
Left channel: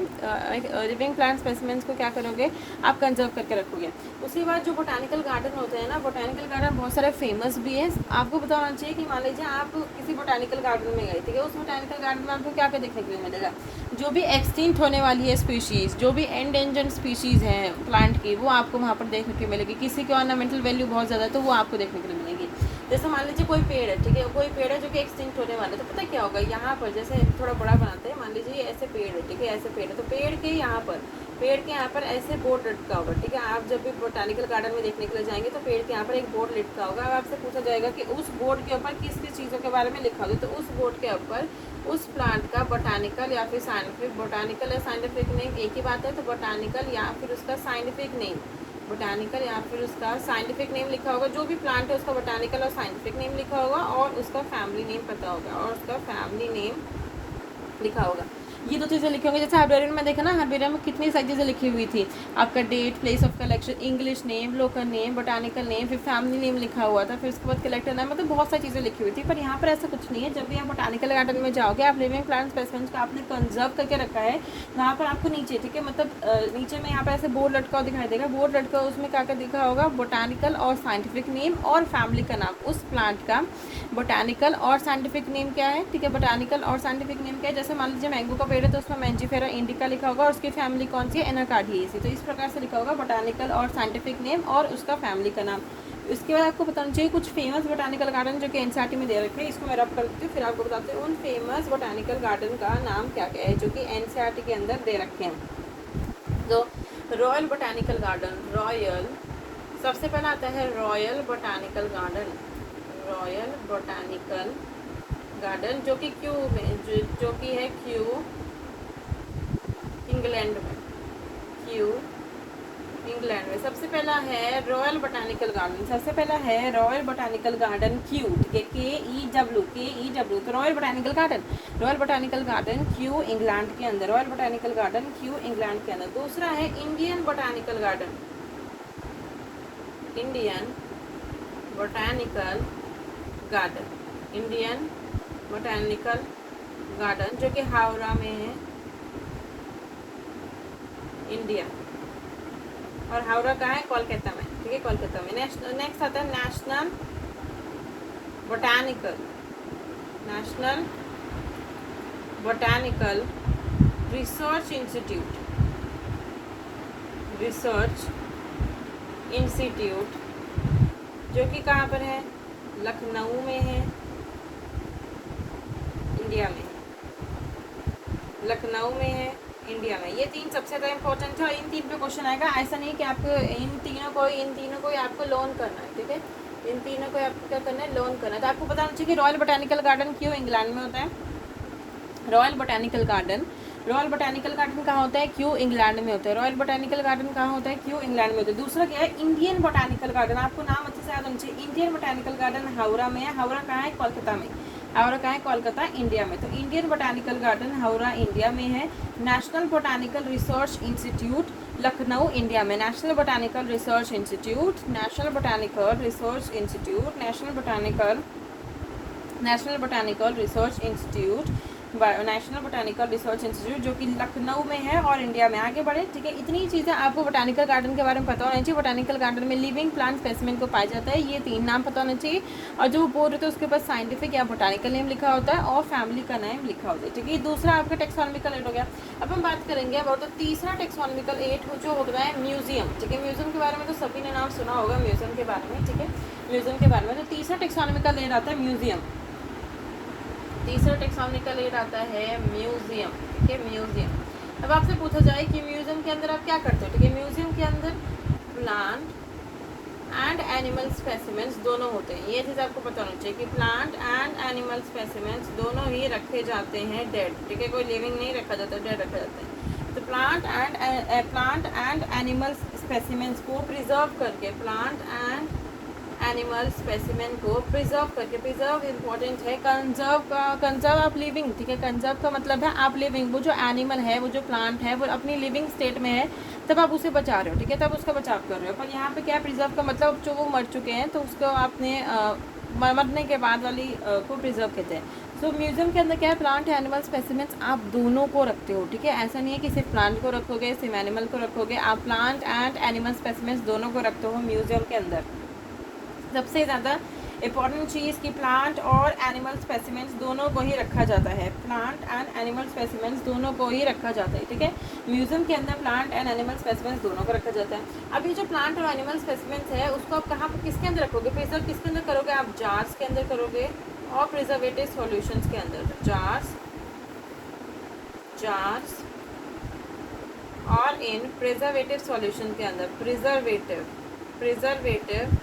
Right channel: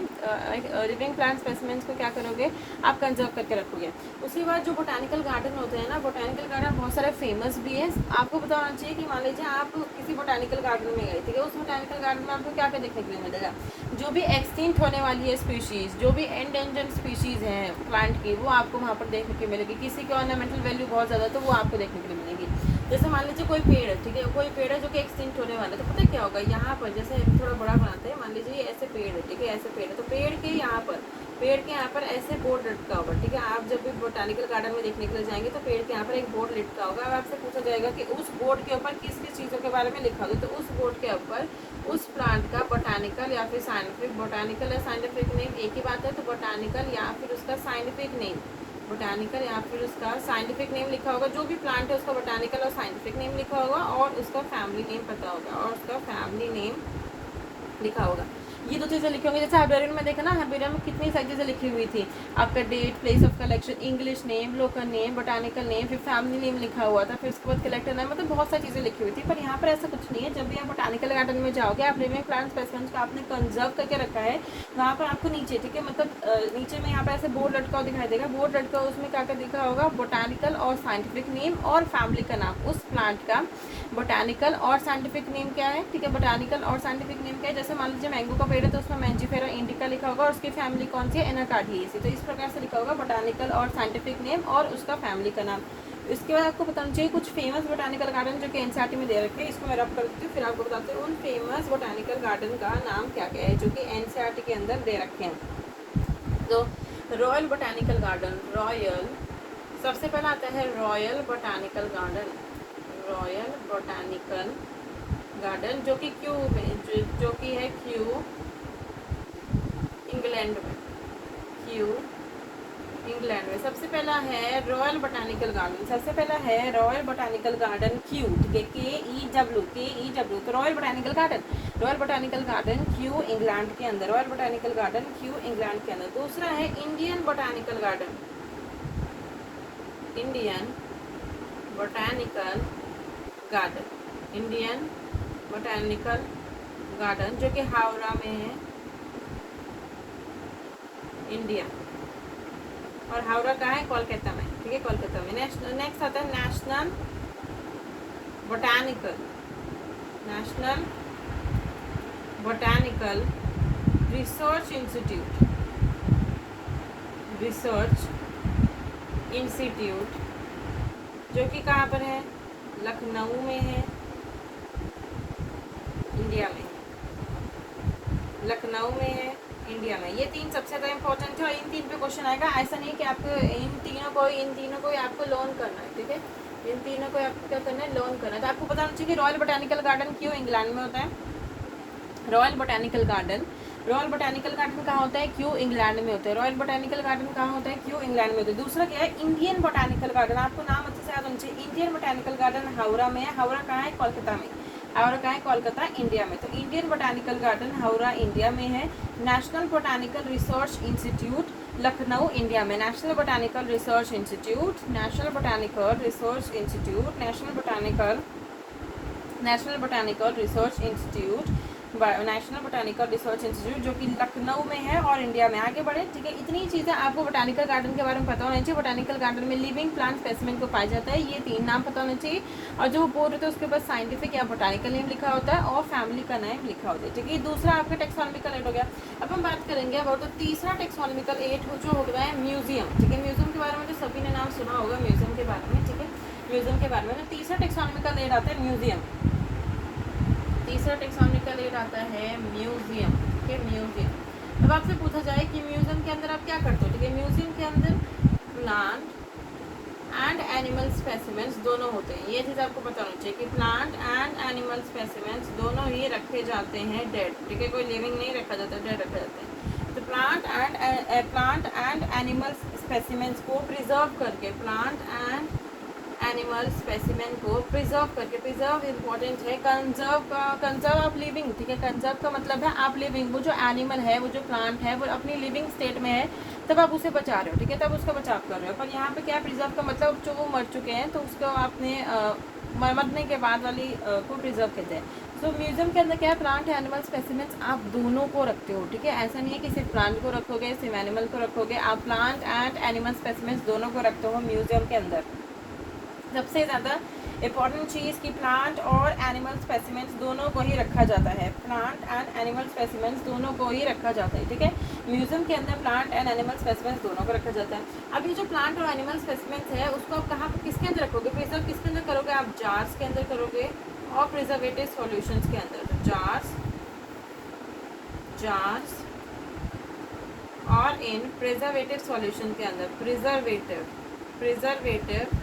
लिविंग प्लांट स्पेसिमेंट्स को क्या करोगे, आप कंजर्व करके रखोगे। उसके बाद जो बोटानिकल गार्डन होते हैं ना, बोटानिकल गार्डन बहुत सारे फेमस भी है। आपको पता होना चाहिए कि मान लीजिए आप किसी बोटानिकल गार्डन में गए, ठीक है, उस बोटानिकल गार्डन में आपको क्या क्या देखने के लिए मिलेगा, जो भी एक्सटिंक्ट होने वाली है स्पीशीज़, जो भी एंडेंजर्ड स्पीशीज़ हैं प्लांट की, वो आपको वहाँ पर देखने को मिलेगी। किसी की ऑर्नामेंटल वैल्यू बहुत ज़्यादा है तो वो आपको देखने के लिए मिलेगी। जैसे मान लीजिए कोई पेड़ है, ठीक है, कोई पेड़ है जो कि एक्सटिंक्ट होने वाला है, तो पता क्या होगा, यहाँ पर जैसे थोड़ा बड़ा बनाते हैं, मान लीजिए ऐसे पेड़ है, ठीक है, ऐसे पेड़ है, तो पेड़ के यहाँ पर ऐसे बोर्ड लटका होगा, ठीक है। आप जब भी बोटानिकल गार्डन में देखने के लिए जाएंगे तो पेड़ के यहाँ पर एक बोर्ड लटका होगा। अब आपसे पूछा जाएगा कि उस बोर्ड के ऊपर किस किस चीज़ों के बारे में लिखा होगा, तो उस बोर्ड के ऊपर उस प्लांट का बोटानिकल या फिर साइंटिफिक, बोटानिकल या साइंटिफिक नेम एक ही बात है, तो बोटानिकल या फिर उसका साइंटिफिक नेम, बोटानिकल या फिर उसका साइंटिफिक नेम लिखा होगा। जो भी प्लांट है उसका बोटानिकल और साइंटिफिक नेम लिखा होगा और उसका फैमिली नेम पता होगा और उसका फैमिली नेम लिखा होगा। ये दो चीज़ें लिखी होंगी। जैसे हार्बेरियन में देखा ना, हार्बेरियन में कितनी सारी चीज़ें लिखी हुई थी, आपका date, place of collection, English name, local name, botanical name, फिर फैमिली नेम लिखा हुआ था, फिर उसके बाद कलेक्टर नाम, मतलब बहुत सारी चीज़ें लिखी हुई थी। पर यहाँ पर ऐसा कुछ नहीं है। जब भी आप बोटानिकल गार्डन में जाओगे, आप लिविंग प्लांट स्पेसिमेंस को आपने कंजर्व करके रखा है। वहाँ पर आपको नीचे, ठीक है, मतलब नीचे में यहाँ पर ऐसे बोर्ड लटका हुआ दिखाई देगा, बोर्ड लटका हुआ, उसमें क्या क्या दिखा होगा, बोटानिकल और साइंटिफिक नेम और फैमिली का नाम, उस प्लांट का बोटानिकल और साइंटिफिक नेम क्या है, ठीक है, बोटानिकल और साइंटिफिक नेम क्या है। जैसे मान लीजिए मैंगो का पेड़ है तो उसमें मैंजीफेरा इंडिका लिखा होगा और उसकी फैमिली कौन सी है, एनाकार्डियेसी। तो इस प्रकार से लिखा होगा बोटानिकल और साइंटिफिक नेम और उसका फैमिली का नाम। इसके बाद आपको बताना चाहिए कुछ फेमस बोटानिकल गार्डन जो कि एनसीईआरटी में दे रखे हैं। इसको मैं रब कर देती हूँ, फिर आपको बताते हैं उन फेमस बोटानिकल गार्डन का नाम क्या क्या है जो कि एनसीईआरटी के अंदर दे रखे हैं। तो रॉयल बोटानिकल गार्डन, रॉयल, सबसे पहला आता है royal botanical garden, royal botanical garden जो कि क्यू में, जो कि है क्यू, इंग्लैंड में, क्यू इंग्लैंड में। सबसे पहला है रॉयल बोटानिकल गार्डन, सबसे पहला है रॉयल बोटानिकल गार्डन क्यू, ठीक है, के ई डब्ल्यू, तो royal botanical garden, royal botanical garden Q England के अंदर, royal botanical garden Q England के अंदर। दूसरा है Indian botanical garden, Indian botanical garden, Indian botanical garden जो कि हावड़ा में है, इंडिया, और हावड़ा का है, कोलकाता में, ठीक है, कोलकाता में। नेक्स्ट आता है national botanical, national botanical research institute, research institute जो कि कहाँ पर है, लखनऊ में है, इंडिया में, लखनऊ में है, इंडिया में। ये तीन सबसे ज़्यादा इंपॉर्टेंट है और इन तीन पे क्वेश्चन आएगा। ऐसा नहीं कि आपको इन तीनों को आपको लोन करना है, ठीक है, इन तीनों को आपको क्या करना है, लोन करना है। तो आपको पता होना चाहिए कि रॉयल बोटानिकल गार्डन क्यों इंग्लैंड में होता है, royal botanical garden, royal botanical garden कहाँ होता है, क्यों इंग्लैंड में होता है, रॉयल बोटानिकल गार्डन कहाँ होता है, क्यों इंग्लैंड में होता है। दूसरा क्या है, इंडियन बोटानिकल गार्डन, आपको नाम अच्छे से याद होना चाहिए। इंडियन बोटानिकल गार्डन हावड़ा में है, हावड़ा कहाँ है, कोलकाता में, हावड़ा कहाँ है, कोलकाता, इंडिया में। तो Indian botanical garden Howrah India में है। National botanical research institute Lucknow India में, national botanical research institute, national botanical research institute, national botanical research institute, national botanical research institute जो कि लखनऊ में है और इंडिया में। आगे बढ़े, ठीक है, इतनी चीज़ें आपको बोटानिकल गार्डन के बारे में पता होना चाहिए। बोटानिकल गार्डन में लिविंग प्लांट स्पेसिमेन को पाया जाता है, ये तीन नाम पता होना चाहिए, और जो बोर्ड होता है उसके ऊपर साइंटिफिक या बोटानिकल नेम लिखा होता है और फैमिली का नेम लिखा होता है, ठीक है। दूसरा आपका टेक्सोनॉमिकल एड हो गया। अब हम बात करेंगे अब तो तीसरा टेक्सोनॉमिकल एड जो हो रहा है म्यूजियम, ठीक है। म्यूजियम के बारे में तो सभी ने नाम सुना होगा, म्यूजियम के बारे में, ठीक है, म्यूजियम के बारे में। तो तीसरा टेक्सोनॉमिकल एड आता है म्यूजियम, तीसरा टेक्सोनॉमिकल एड आता है म्यूजियम, ठीक है, म्यूजियम। अब आपसे पूछा जाए कि म्यूजियम के अंदर आप क्या करते हो, ठीक है, म्यूजियम के अंदर प्लांट एंड एनिमल स्पेसिमेंट्स दोनों होते हैं। ये चीज़ आपको पता होना चाहिए कि प्लांट एंड एनिमल स्पेसिमेंट्स दोनों ही रखे जाते हैं डेड, ठीक है, कोई लिविंग नहीं रखा जाता, डेड रखा जाता है। तो प्लांट एंड एनिमल स्पेसिमेंट्स को प्रिजर्व करके, प्लांट एंड एनिमल स्पेसिमेन को प्रिजर्व करके, प्रिजर्व इंपॉर्टेंट है, कंजर्व आप लिविंग, ठीक है, कंजर्व का मतलब है आप लिविंग, वो जो एनिमल है, वो जो प्लांट है, वो अपनी लिविंग स्टेट में है, तब आप उसे बचा रहे हो, ठीक है, तब उसका बचाव कर रहे हो। पर यहाँ पे क्या प्रिजर्व का मतलब, जो वो मर चुके हैं तो उसको आपने मरने के बाद वाली को प्रिजर्व कहते हैं। तो म्यूजियम के अंदर क्या है, प्लांट एनिमल स्पेसिमेंट्स आप दोनों को रखते हो, ठीक है, ऐसा नहीं है कि सिर्फ प्लांट को रखोगे, सिर्फ एनिमल को रखोगे, आप प्लांट एंड एनिमल स्पेसिमेंट्स दोनों को रखते हो म्यूजियम के अंदर। सबसे ज़्यादा इंपॉर्टेंट चीज़ कि प्लांट और एनिमल स्पेसिमेंट्स दोनों को ही रखा जाता है, प्लांट एंड एनिमल स्पेसिमेंट्स दोनों को ही रखा जाता है, ठीक है। म्यूजियम के अंदर प्लांट एंड एनिमल स्पेसिमेंट्स दोनों को रखा जाता है। अब ये जो प्लांट और एनिमल स्पेसिमेंट्स है उसको आप कहाँ पर, किसके अंदर रखोगे, प्रिजर्व किसके अंदर करोगे, आप जार्स के अंदर करोगे और प्रिजर्वेटिव सॉल्यूशंस के अंदर। तो जार्स और इन प्रिजर्वेटिव सॉल्यूशन के अंदर, प्रिजर्वेटिव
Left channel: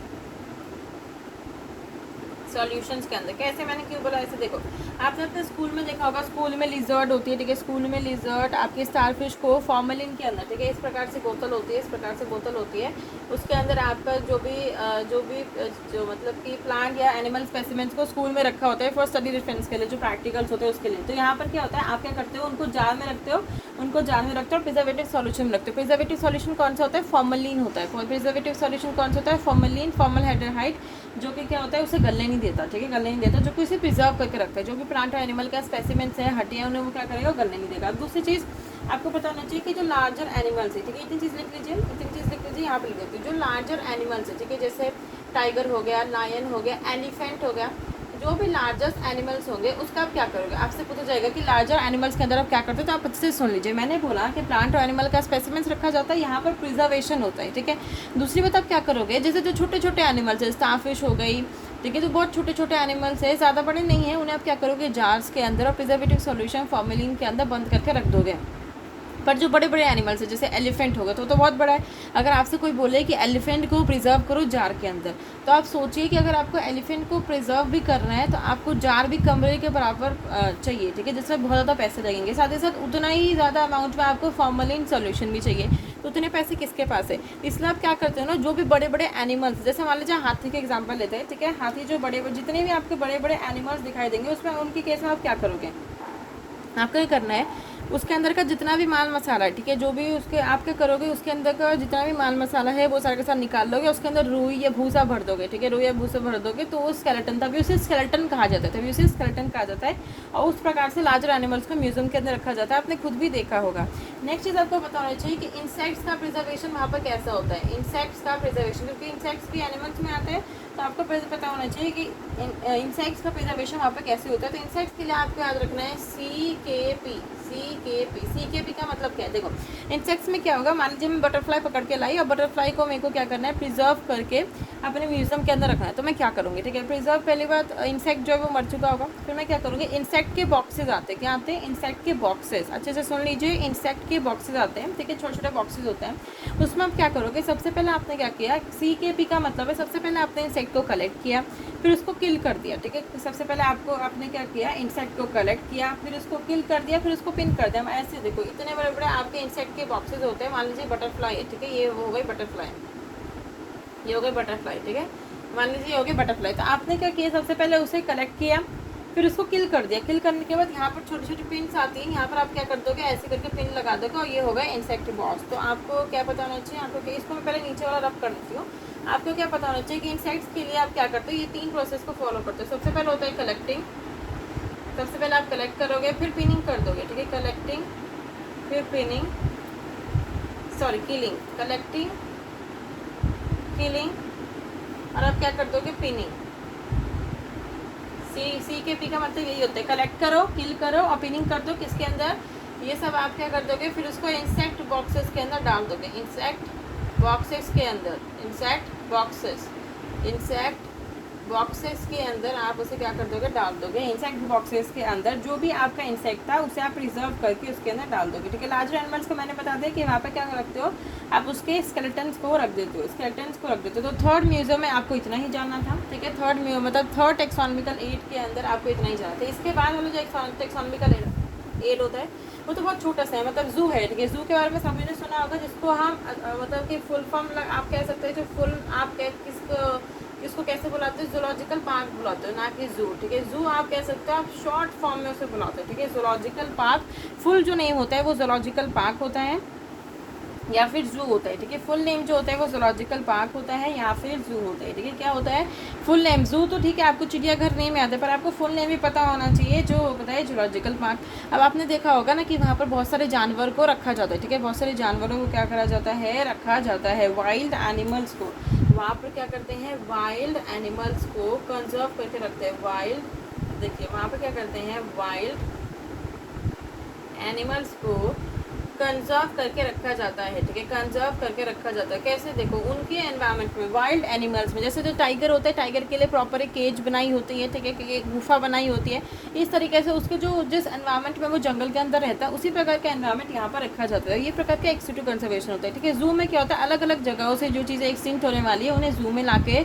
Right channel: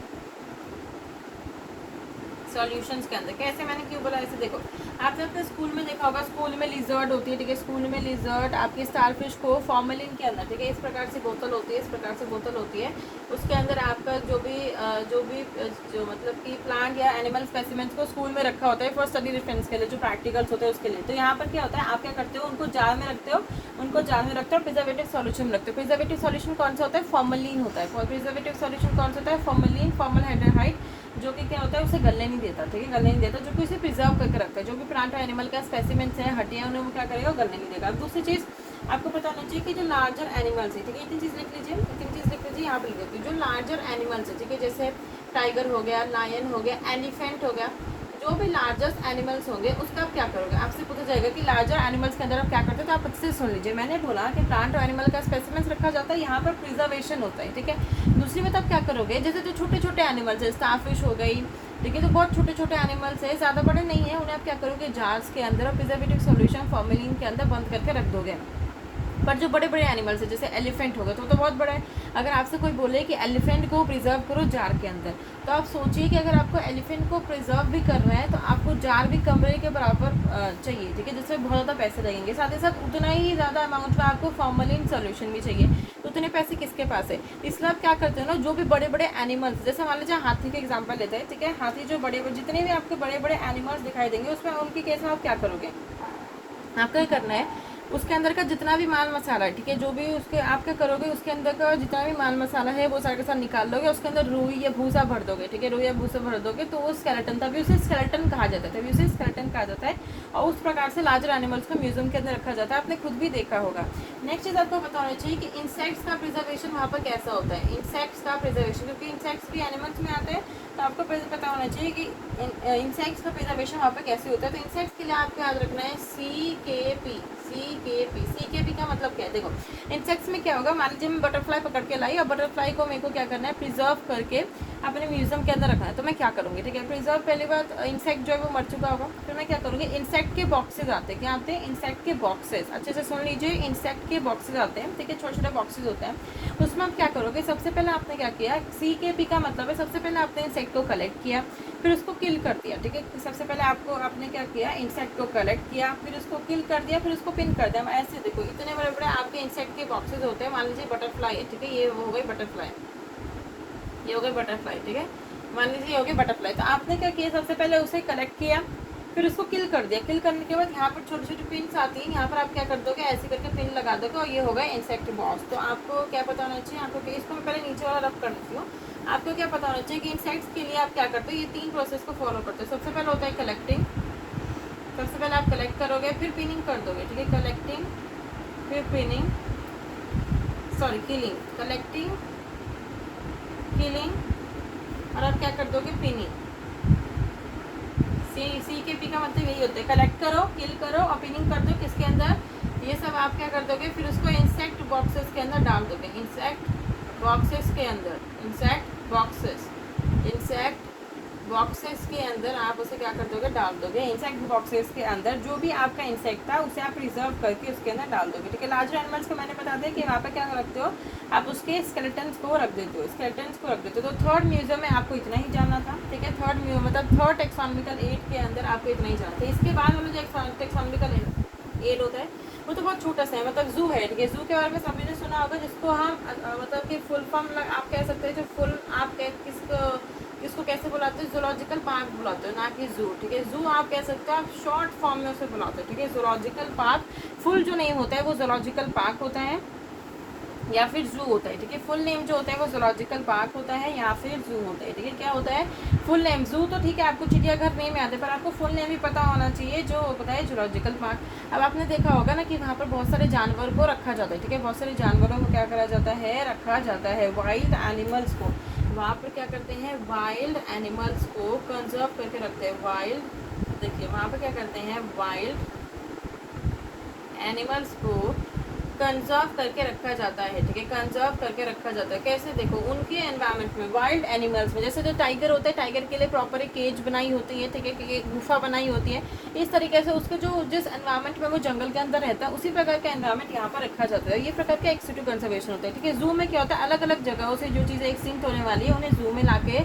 सॉल्यूशंस के अंदर। कैसे, मैंने क्यों बोला ऐसे, देखो आपने अपने स्कूल में देखा होगा, स्कूल में लिजर्ड होती है, ठीक है, स्कूल में लिजर्ड आपकी स्टारफिश को फॉर्मेलिन के अंदर, ठीक है, इस प्रकार से बोतल होती है, इस प्रकार से बोतल होती है, उसके अंदर आपका जो मतलब कि प्लांट या एनिमल स्पेसिमेंट्स को स्कूल में रखा होता है फॉर स्टडी रेफरेंस के लिए, जो प्रैक्टिकल्स होते हैं उसके लिए। तो यहाँ पर क्या होता है, आप क्या करते हो, उनको जार में रखते हो, प्रिजर्वेटिव सॉल्यूशन में रखते हो। प्रिजर्वेटिव सॉल्यूशन कौन सा होता है, फॉर्मलिन होता है। प्रिजर्वेटिव सॉल्यूशन कौन सा होता है, फॉर्मलिन, फॉर्मलडेहाइड, जो कि क्या होता है, उसे गलने नहीं देता, ठीक है, गलने नहीं देता, जो कि उसे प्रिजर्व करके रखता है। जो भी प्लांट है, एनिमल का स्पेसिमेंट्स है, हड्डियाँ, उन्हें वो क्या करेगा, गलने नहीं देगा। अब दूसरी चीज़ आपको पता होनी चाहिए कि जो लार्जर एनिमल्स है, ठीक है, इतनी चीज़ लिख लीजिए, यहाँ पे लिख देती हूँ। जो लार्जर एनिमल्स है, ठीक है, जैसे टाइगर हो गया, लायन हो गया, एलिफेंट हो गया, जो भी लार्जेस्ट एनिमल्स होंगे उसका आप क्या करोगे, आपसे पूछा जाएगा कि लार्जर एनिमल्स के अंदर आप क्या करते हो, तो आप अच्छे से सुन लीजिए। मैंने बोला कि प्लांट और एनिमल का स्पेसिमेंस रखा जाता है, यहाँ पर प्रिजर्वेशन होता है, ठीक है। दूसरी बात आप क्या करोगे, जैसे जो छोटे छोटे एनिमल्स है, स्टारफिश हो गई, ठीक है, जो बहुत छोटे छोटे एनिमल्स है, ज़्यादा बड़े नहीं है, उन्हें आप क्या करोगे, जार्स के अंदर और प्रिजर्वेटिव सॉल्यूशन फॉर्मेलिन के अंदर बंद करके रख दोगे। पर जो बड़े बड़े एनिमल्स है, जैसे एलिफेंट होगा तो बहुत बड़ा है, अगर आपसे कोई बोले कि एलिफेंट को प्रिजर्व करो जार के अंदर, तो आप सोचिए कि अगर आपको एलिफेंट को प्रिजर्व भी करना है तो आपको जार भी कमरे के बराबर चाहिए, ठीक है, जिसमें बहुत ज़्यादा पैसे लगेंगे। साथ ही साथ उतना ही ज़्यादा अमाउंट में आपको फॉर्मलिन सॉल्यूशन भी चाहिए, तो उतने पैसे किसके पास है। इसलिए आप क्या करते हो ना, जो भी बड़े बड़े एनिमल्स, जैसे मान लीजिए हाथी का एग्जाम्पल लेते हैं, ठीक है, हाथी जो बड़े जितने भी आपके बड़े बड़े एनिमल्स दिखाई देंगे, उसमें उनके केस में आप क्या करोगे, आपको ये करना है उसके अंदर का जितना भी माल मसाला है, ठीक है, जो भी उसके आप क्या करोगे, उसके अंदर का जितना भी माल मसाला है वो सारा के साथ निकाल दोगे, उसके अंदर रुई या भूसा भर दोगे, ठीक है, रुई या भूसा भर दोगे, तो वो स्केलेटन, तभी उसे स्केलेटन कहा जाता है, और उस प्रकार से लार्जर एनिमल्स को म्यूजियम के अंदर रखा जाता है, आपने खुद भी देखा होगा। नेक्स्ट चीज़ आपको पता होना चाहिए कि इंसेक्ट्स का प्रिजर्वेशन वहाँ पर कैसा होता है, इंसेक्ट्स का प्रिजर्वेशन, क्योंकि इंसेक्ट्स भी एनिमल्स में आते हैं, तो आपको पता होना चाहिए कि इंसेक्ट्स का प्रिजर्वेशन वहाँ पर कैसे होता है। तो इंसेक्ट्स के लिए आपको याद रखना है CKP का मतलब क्या है, देखो इंसेक्ट्स में क्या होगा, मान लीजिए मैं बटरफ्लाई पकड़ के लाई और बटरफ्लाई को मेरे को क्या करना है, प्रिजर्व करके अपने म्यूजियम के अंदर रखना है, तो मैं क्या करूँगी, ठीक है, प्रिजर्व, पहली बात इंसेक्ट जो है वो मर चुका होगा, फिर मैं क्या करूँगी, इंसेक्ट के बॉक्सेज आते हैं, क्या आते हैं, इंसेक्ट के बॉक्सेस, अच्छे से सुन लीजिए, इंसेक्ट के बॉक्सेज आते हैं, ठीक है, छोटे छोटे बॉक्सेज होते हैं, उसमें आप क्या करोगे, सबसे पहले आपने क्या किया, CKP का मतलब है सबसे पहले आपने इंसेक्ट को कलेक्ट किया, फिर उसको किल कर दिया, ठीक है, सबसे पहले आपने क्या किया, इंसेक्ट को कलेक्ट किया, फिर उसको किल कर दिया, फिर उसको पिन कर दिया। ऐसे देखो इतने बड़े बड़े आपके इंसेक्ट के बॉक्सेस होते हैं, मान लीजिए बटरफ्लाई है, ठीक है, ये हो गई बटरफ्लाई, ये हो गई बटरफ्लाई, ठीक है, मान लीजिए ये हो गई बटरफ्लाई, तो आपने क्या किया, सबसे पहले उसे कलेक्ट किया, फिर उसको किल कर दिया, किल करने के बाद यहाँ पर छोटी छोटी पिन्स आती हैं, यहाँ पर आप क्या कर दोगे, ऐसे करके पिन लगा दोगे और ये होगा इंसेक्ट बॉक्स। तो आपको क्या पता होना चाहिए, आपको इसको मैं पहले नीचे वाला रब कर देती हूँ, आपको क्या पता होना चाहिए कि इंसेक्ट्स के लिए आप क्या करते हो, ये 3 प्रोसेस को फॉलो करते हो। सबसे पहले होता है कलेक्टिंग, सबसे पहले आप कलेक्ट करोगे, फिर पिनिंग कर दोगे, ठीक है, कलेक्टिंग, फिर pinning, sorry killing, collecting, killing, और आप क्या कर दोगे, पिनिंग। CKP का मतलब यही होता है, कलेक्ट करो, किल करो और पिनिंग कर दो, किसके अंदर, ये सब आप क्या कर दोगे, फिर उसको इंसेक्ट बॉक्सेस के अंदर डाल दोगे, इंसेक्ट बॉक्सेस के अंदर, इंसेक्ट बॉक्सेस के अंदर आप उसे क्या कर दोगे, डाल दोगे, इंसेक्ट बॉक्सेस के अंदर जो भी आपका इंसेक्ट था उसे आप रिजर्व करके उसके अंदर डाल दोगे, ठीक है। लार्जर एनिमल्स को मैंने बता दिया कि वहाँ पर क्या रखते हो, आप उसके स्केलेटन्स को रख देते हो, तो थर्ड म्यूजियम में आपको इतना ही जानना था, ठीक है, थर्ड टेक्सोनॉमिकल एड के अंदर आपको इतना ही जानना था। इसके बाद वाला जो टेक्सोनॉमिकल एड होता है वो तो बहुत छोटा सा है, मतलब जू है, ठीक है, जू के बारे में सभी ने सुना होगा, जिसको हम मतलब कि फुल फॉर्म आप कह सकते हैं, जो फुल आप इसको कैसे बुलाते हैं, जूलॉजिकल पार्क बुलाते हो, ना कि जू, ठीक है, जू आप कह सकते हो, आप शॉर्ट फॉर्म में उसे बुलाते हो, ठीक है, जूलॉजिकल पार्क, फुल जो नेम होता है वो जूलॉजिकल पार्क होता है या फिर जू होता है, ठीक है, फुल नेम जो होता है वो जूलॉजिकल पार्क होता है या फिर जू होता है, ठीक है, क्या होता है, फुल नेम, जू तो ठीक है आपको चिड़ियाघर नेम याद है, पर आपको फुल नेम भी पता होना चाहिए, जो होता है जूलॉजिकल पार्क। अब आपने देखा होगा ना कि वहाँ पर बहुत सारे जानवर को रखा जाता है, ठीक है, बहुत सारे जानवरों को क्या करा जाता है, रखा जाता है, वाइल्ड एनिमल्स को वहाँ पर क्या करते हैं, वाइल्ड एनिमल्स को कंजर्व करके रखते हैं, वाइल्ड, देखिए वहाँ पर क्या करते हैं, वाइल्ड एनिमल्स को कंजर्व करके रखा जाता है, ठीक है, कंजर्व करके रखा जाता है, कैसे, देखो उनके एनवायरनमेंट में, वाइल्ड एनिमल्स में, जैसे जो टाइगर होता है, टाइगर के लिए प्रॉपर एक केज बनाई होती है, ठीक है, एक गुफा बनाई होती है, इस तरीके से उसके जो जिस एनवायरनमेंट में वो जंगल के अंदर रहता है उसी प्रकार का एनवायरनमेंट यहाँ पर रखा जाता है, ये प्रकार का एक्सटिंक्ट कंजर्वेशन होता है, ठीक है। जू में क्या होता है, अलग अलग जगहों से जो चीज़ें एक्सटिंक्ट होने वाली है उन्हें जू में लाके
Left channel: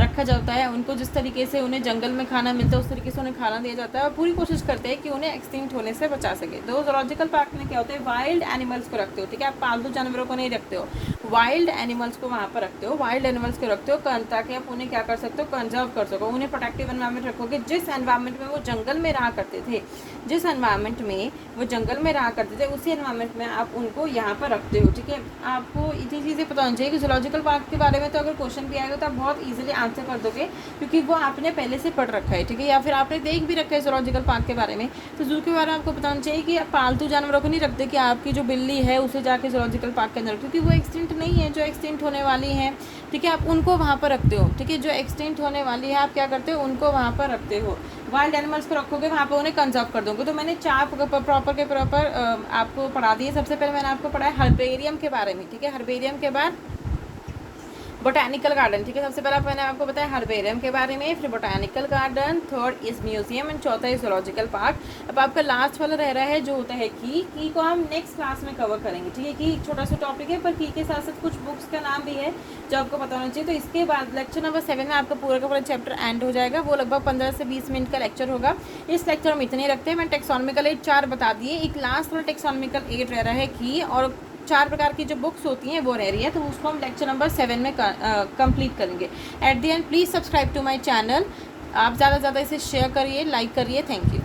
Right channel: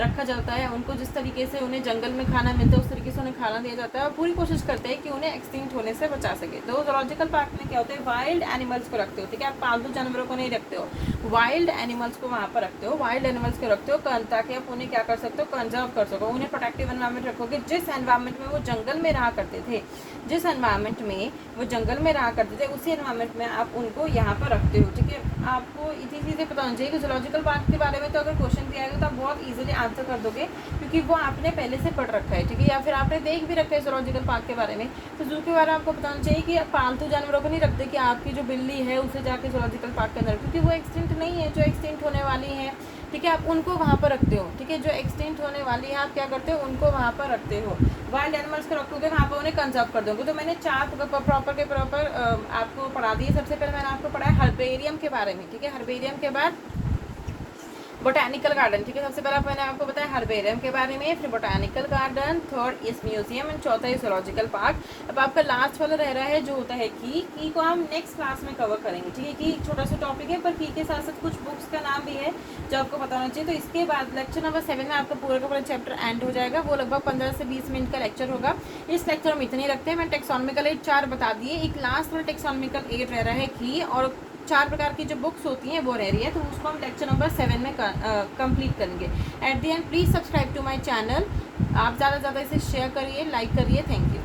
रखा जाता है, उनको जिस तरीके से उन्हें जंगल में खाना मिलता है उस तरीके से उन्हें खाना दिया जाता है, और पूरी कोशिश करते हैं कि उन्हें एक्सटिंक्ट होने से बचा सके। तो जूलॉजिकल पार्क में क्या होता है, वाइल्ड एनिमल्स को रखते हो, ठीक है, आप पालतू जानवरों को नहीं रखते हो, वाइल्ड एनिमल्स को वहाँ पर रखते हो, वाइल्ड एनिमल्स को रखते हो ताकि आप उन्हें क्या कर सकते हो, कंजर्व कर सको, उन्हें प्रोटेक्टिव एनवायरमेंट रखोगे। जिस एनवायरमेंट में वो जंगल में रहा करते थे, जिस एनवायरमेंट में वो जंगल में रहा करते थे, उसी एनवायरमेंट में आप उनको यहाँ पर रखते हो, ठीक है। आपको इतनी चीज़ें पता होनी चाहिए कि जूलॉजिकल पार्क के बारे में तो अगर क्वेश्चन भी आएगा तो आप बहुत इजीली आंसर कर दोगे, क्योंकि वो आपने पहले से पढ़ रखा है, ठीक है, या फिर आपने देख भी रखा है जूलॉजिकल पार्क के बारे में। तो जू के बारे में आपको बताना चाहिए कि आप पालतू जानवरों को नहीं रखते कि आपकी जो बिल्ली है उसे जाके जूलॉजिकल पार्क के अंदर, क्योंकि वो एक्सटिंक्ट नहीं है, जो एक्सटिंक्ट होने वाली है, ठीक है, आप उनको वहाँ पर रखते हो, ठीक है, जो एक्सटिंक्ट होने वाली है आप क्या करते हो, उनको वहाँ पर रखते हो। वाइल्ड एनिमल्स को रखोगे वहाँ पर, उन्हें कंजर्व कर दोगे। तो मैंने 4 प्रॉपर आपको पढ़ा दिए। सबसे पहले मैंने आपको पढ़ाया हर्बेरियम के बारे में, ठीक है, हर्बेरियम के बाद बोटानिकल गार्डन, ठीक है, सबसे पहले मैंने आपको बताया हर्बेरियम के बारे में, फिर botanical garden, third is museum and चौथा इज जूलॉजिकल पार्क। अब आपका लास्ट वाला रह रहा है जो होता है की को हम नेक्स्ट क्लास में कवर करेंगे, ठीक है, की छोटा सा टॉपिक है, पर की के साथ साथ कुछ बुक्स का नाम भी है जो आपको बताना चाहिए। तो इसके बाद लेक्चर नंबर 7 में आपका पूरा का पूरा चैप्टर एंड हो जाएगा। वो लगभग 15 से 20 मिनट का लेक्चर होगा। इस लेक्चर हम इतने रखते हैं। मैं टेक्सोनॉमिकल एड 4 बता दिए, एक लास्ट वाला टेक्सोनॉमिकल एड रह रहा है की, और 4 प्रकार की जो बुक्स होती हैं वो रह रही है, तो उसको हम लेक्चर नंबर 7 में कंप्लीट करेंगे। At the end please subscribe to my channel. आप ज़्यादा से ज़्यादा इसे शेयर करिए, लाइक करिए। Thank you.